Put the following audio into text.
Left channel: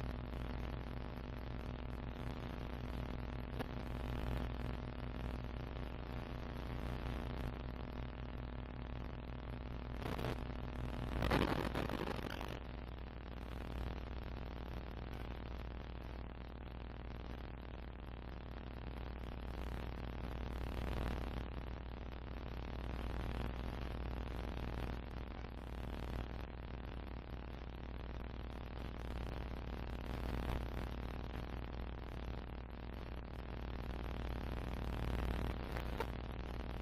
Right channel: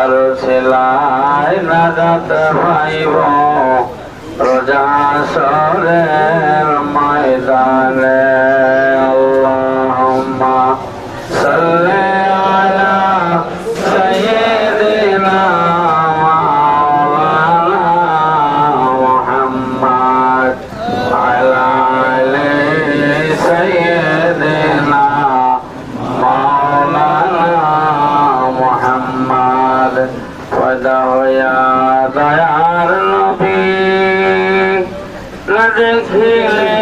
তার ছেলাই নাজাত পাইব রোজা সরের ময়দানে আল্লাহুম্মা সাল্লি আলা সাইয়্যিদিনা মাওলানা মুহাম্মদ আলা আলি সাইয়্যিদিনা মাওলানা মুহাম্মদ ওয়া দয়ার নবী দেখিলে